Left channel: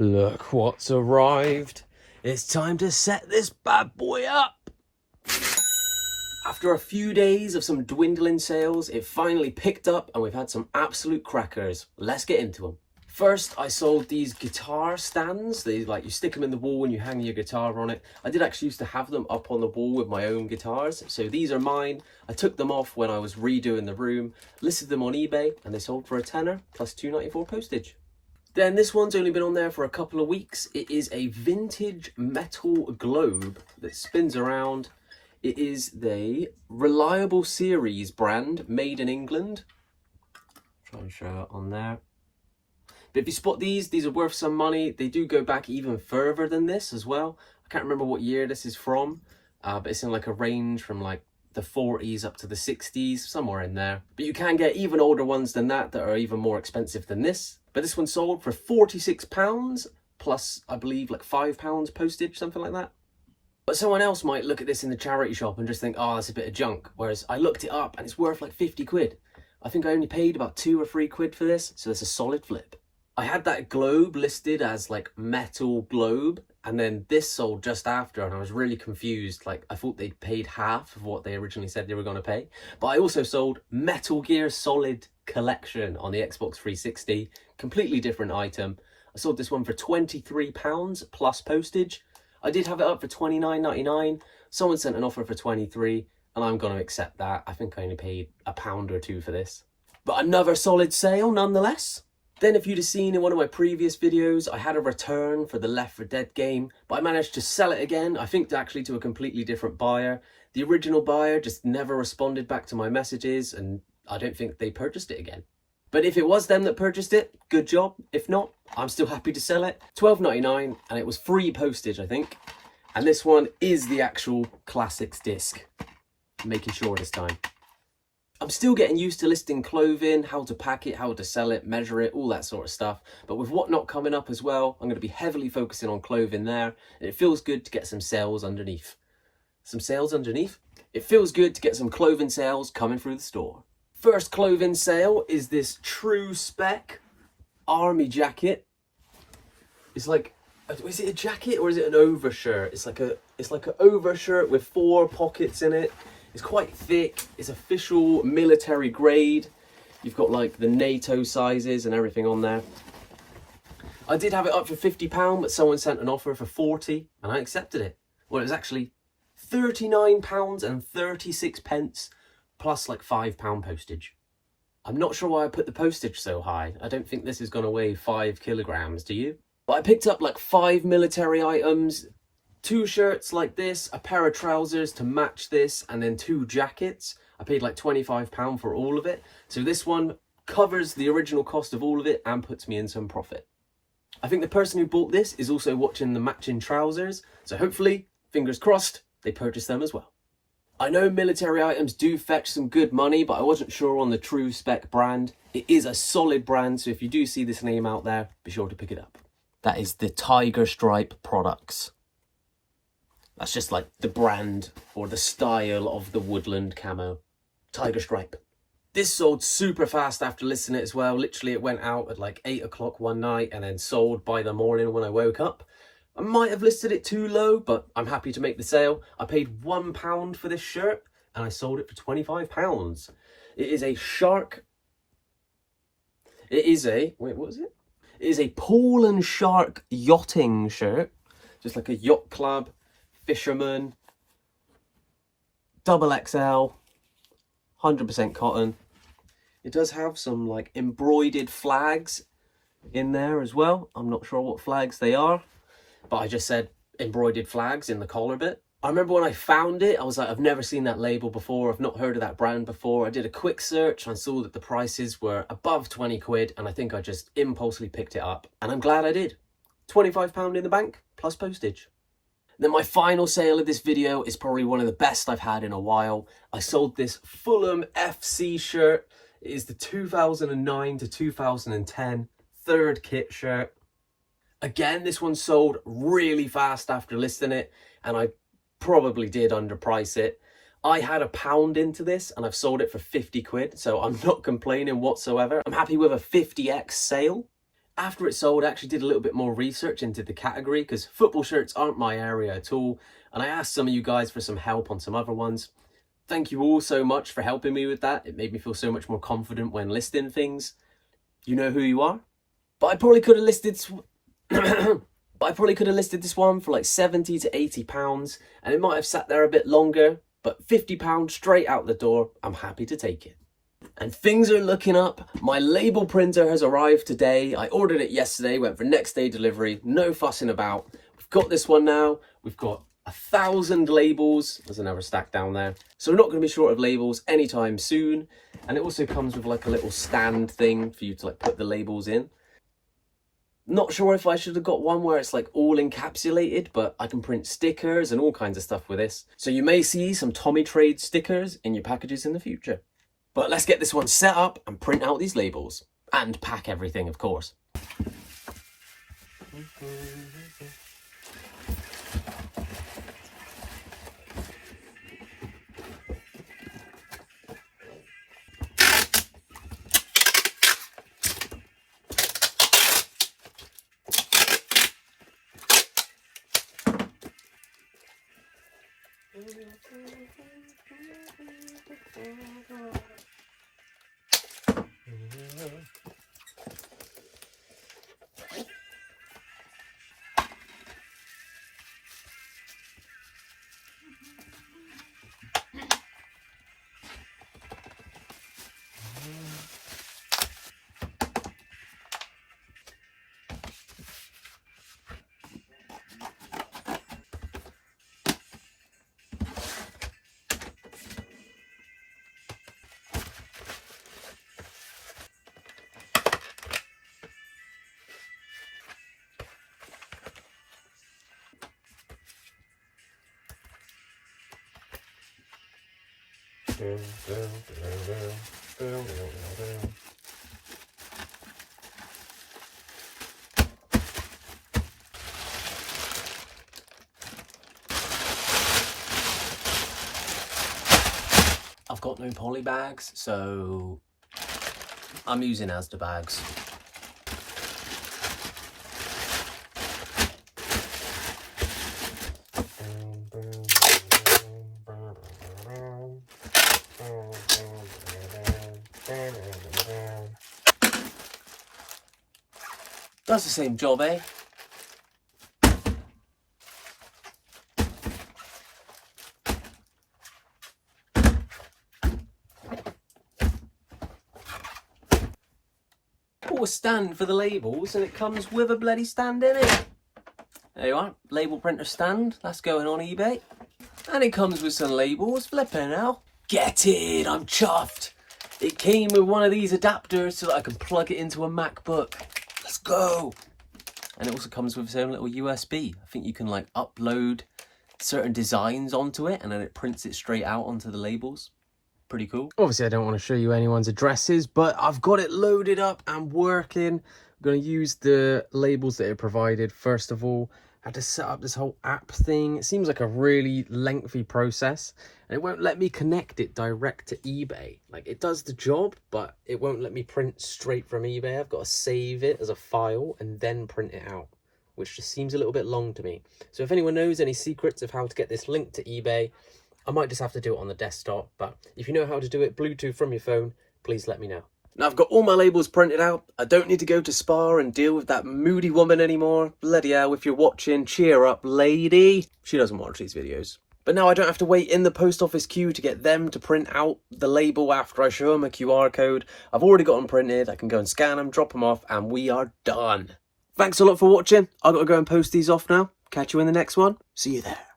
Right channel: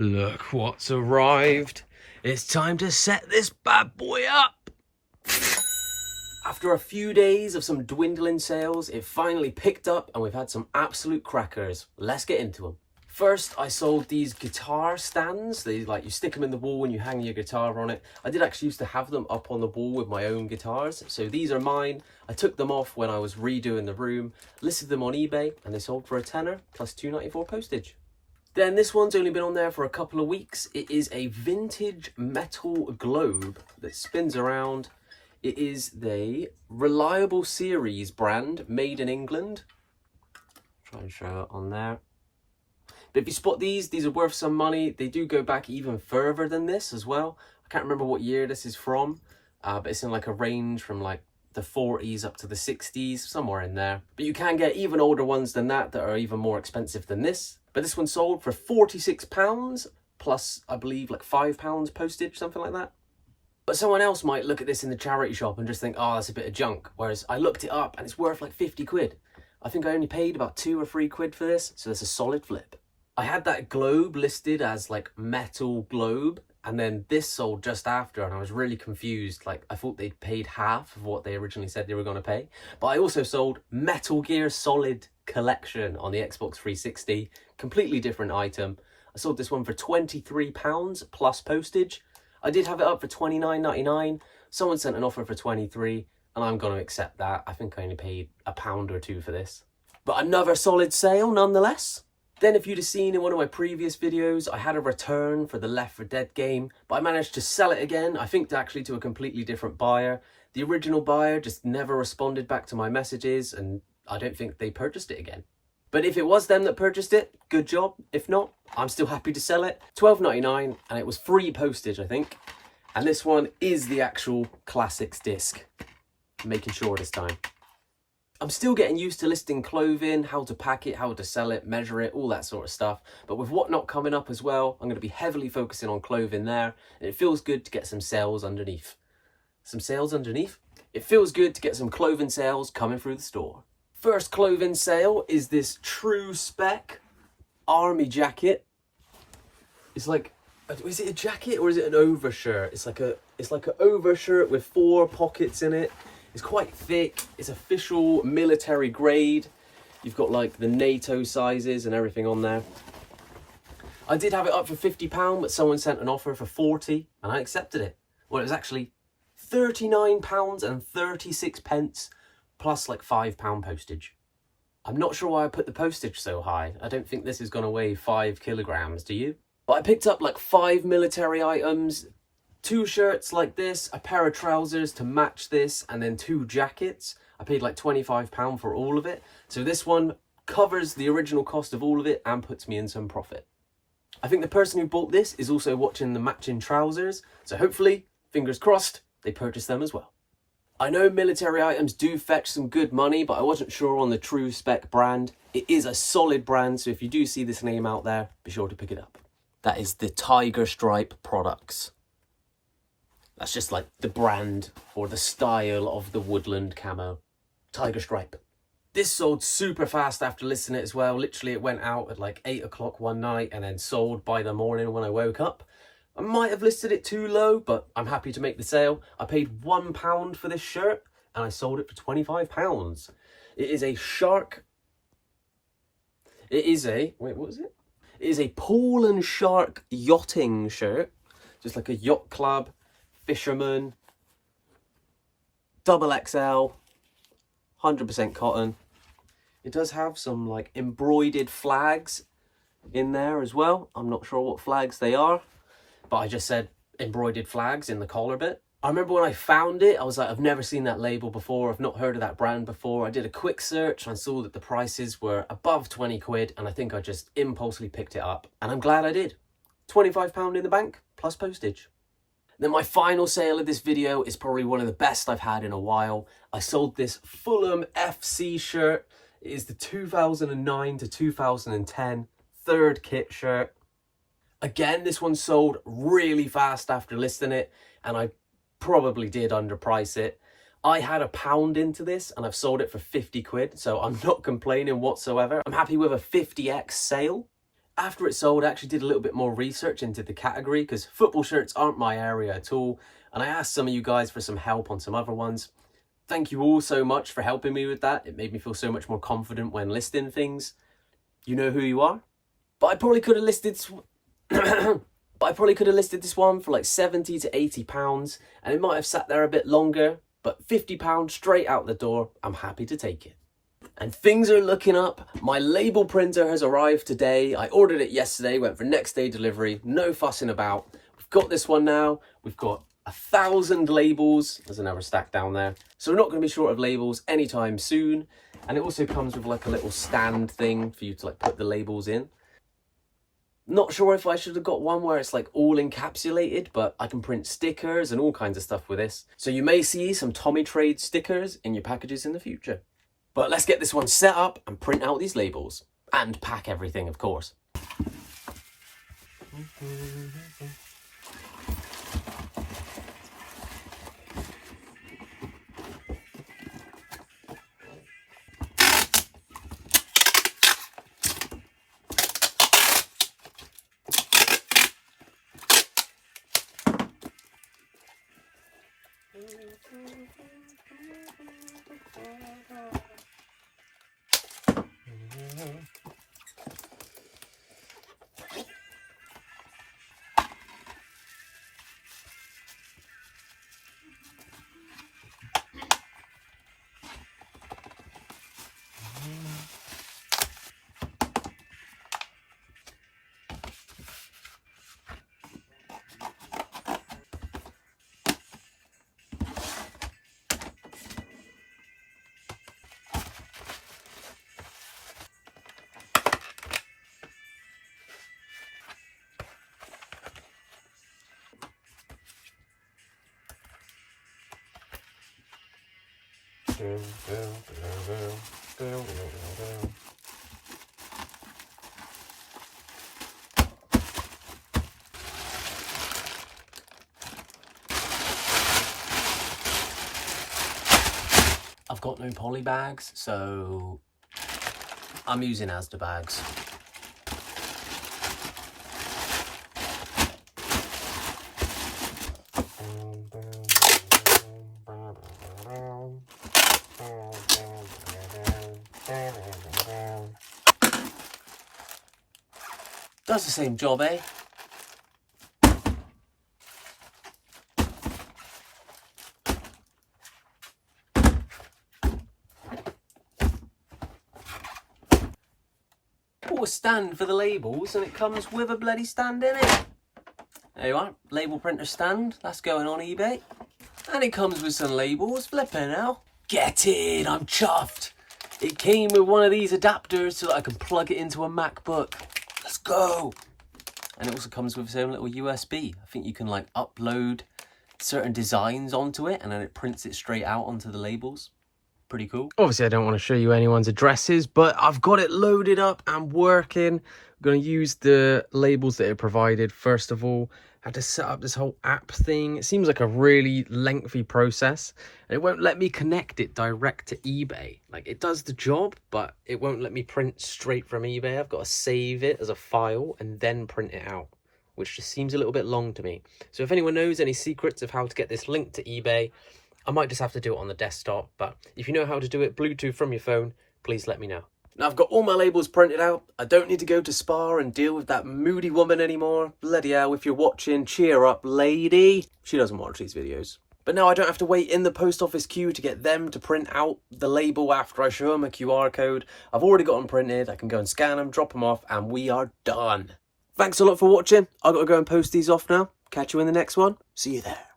Look what's arrived. It's time to set this bad boy up. After a few days of some dwindling sales, it finally picked up and we've had some absolute crackers. Let's get into them. First, I sold these guitar stands. They you stick them in the wall and you hang your guitar on it. I did actually used to have them up on the wall with my own guitars. So these are mine. I took them off when I was redoing the room, listed them on eBay, and they sold for a tenner plus $2.94 postage. Then this one's only been on there for a couple of weeks. It is a vintage metal globe that spins around. It is the Reliable Series brand, made in England. Try and show it on there. But if you spot these are worth some money. They do go back even further than this as well. I can't remember what year this is from, but it's in like a range from like the 40s up to the 60s, somewhere in there. But you can get even older ones than that are even more expensive than this. But this one sold for £46 plus, I believe, like £5 postage, something like that. But someone else might look at this in the charity shop and just think, oh, that's a bit of junk. Whereas I looked it up and it's worth like 50 quid. I think I only paid about 2 or 3 quid for this, so it's a solid flip. I had that globe listed as like metal globe, and then this sold just after, and I was really confused. Like, I thought they'd paid half of what they originally said they were going to pay. But I also sold Metal Gear Solid Collection on the Xbox 360, completely different item. I sold this one for £23 plus postage. I did have it up for £29.99. Someone sent an offer for 23, and I'm going to accept that. I think I only paid £1 or 2 for this. But another solid sale nonetheless. Then if you'd have seen in one of my previous videos, I had a return for the Left 4 Dead game, but I managed to sell it again, I think actually to a completely different buyer. The original buyer just never responded back to my messages, and I don't think they purchased it again. But if it was them that purchased it, good job. If not, I'm still happy to sell it. $12.99, and it was free postage, I think. And this one is the actual classics disc. Making sure this time. I'm still getting used to listing clothing, how to pack it, how to sell it, measure it, all that sort of stuff. But with Whatnot coming up as well, I'm going to be heavily focusing on clothing there. And it feels good to get some sales underneath. Some sales underneath? It feels good to get some clothing sales coming through the store. First clothing sale is this true spec army jacket. It's like, is it a jacket or is it an overshirt? It's like an overshirt with 4 pockets in it. It's quite thick. It's official military grade. You've got like the NATO sizes and everything on there. I did have it up for £50, but someone sent an offer for 40 and I accepted it. Well, it was actually £39.36 plus like £5 postage. I'm not sure why I put the postage so high. I don't think this is going to weigh 5 kilograms, do you? But I picked up like 5 military items, 2 shirts like this, a pair of trousers to match this, and then 2 jackets. I paid like £25 for all of it. So this one covers the original cost of all of it and puts me in some profit. I think the person who bought this is also watching the matching trousers. So hopefully, fingers crossed, they purchase them as well. I know military items do fetch some good money, but I wasn't sure on the True Spec brand. It is a solid brand, so if you do see this name out there, be sure to pick it up. That is the Tiger Stripe products. That's just like the brand or the style of the woodland camo. Tiger Stripe. This sold super fast after listing it as well. Literally, it went out at like 8 o'clock one night and then sold by the morning when I woke up. I might have listed it too low, but I'm happy to make the sale. I paid £1 for this shirt and I sold it for £25. It is a shark. It is a, wait, what is it? It is a Paul and Shark yachting shirt. Just like a yacht club, fisherman, double XL, 100% cotton. It does have some like embroidered flags in there as well. I'm not sure what flags they are, but I just said embroidered flags in the collar bit. I remember when I found it, I was like, I've never seen that label before. I've not heard of that brand before. I did a quick search and I saw that the prices were above 20 quid. And I think I just impulsively picked it up. And I'm glad I did. £25 in the bank plus postage. Then my final sale of this video is probably one of the best I've had in a while. I sold this Fulham FC shirt. It is the 2009 to 2010 third kit shirt. Again, this one sold really fast after listing it, and I probably did underprice it. I had £1 into this and I've sold it for 50 quid, so I'm not complaining whatsoever. I'm happy with a 50x sale. After it sold, I actually did a little bit more research into the category because football shirts aren't my area at all. And I asked some of you guys for some help on some other ones. Thank you all so much for helping me with that. It made me feel so much more confident when listing things. You know who you are. But I probably could have listed this one for like 70 to 80 pounds, and it might have sat there a bit longer, but 50 pounds straight out the door, I'm happy to take it. And things are looking up. My label printer has arrived today. I ordered it yesterday, went for next day delivery, no fussing about. We've got this one now. We've got 1,000 labels. There's another stack down there. So we're not going to be short of labels anytime soon. And it also comes with like a little stand thing for you to like put the labels in. Not sure if I should have got one where it's like all encapsulated, but I can print stickers and all kinds of stuff with this. So you may see some Tommy Trade stickers in your packages in the future. But let's get this one set up and print out these labels. And pack everything, of course. I've got no poly bags, so I'm using Asda bags. Does the same job, eh? Bought a stand for the labels and it comes with a bloody stand in it. There you are, label printer stand, that's going on eBay. And it comes with some labels, flipping hell. Get it, I'm chuffed. It came with one of these adapters so that I can plug it into a MacBook. Let's go. And it also comes with its own little USB. I think you can like upload certain designs onto it and then it prints it straight out onto the labels. Pretty cool. Obviously, I don't want to show you anyone's addresses, but I've got it loaded up and working. I'm going to use the labels that it provided. First of all, I had to set up this whole app thing. It seems like a really lengthy process. And it won't let me connect it direct to eBay. Like, it does the job, but it won't let me print straight from eBay. I've got to save it as a file and then print it out, which just seems a little bit long to me. So if anyone knows any secrets of how to get this linked to eBay, I might just have to do it on the desktop, but if you know how to do it Bluetooth from your phone, please let me know. Now I've got all my labels printed out. I don't need to go to Spa and deal with that moody woman anymore. Bloody hell, if you're watching, cheer up, lady. She doesn't watch these videos. But now I don't have to wait in the post office queue to get them to print out the label after I show them a QR code. I've already got them printed. I can go and scan them, drop them off, and we are done. Thanks a lot for watching. I've got to go and post these off now. Catch you in the next one. See you there.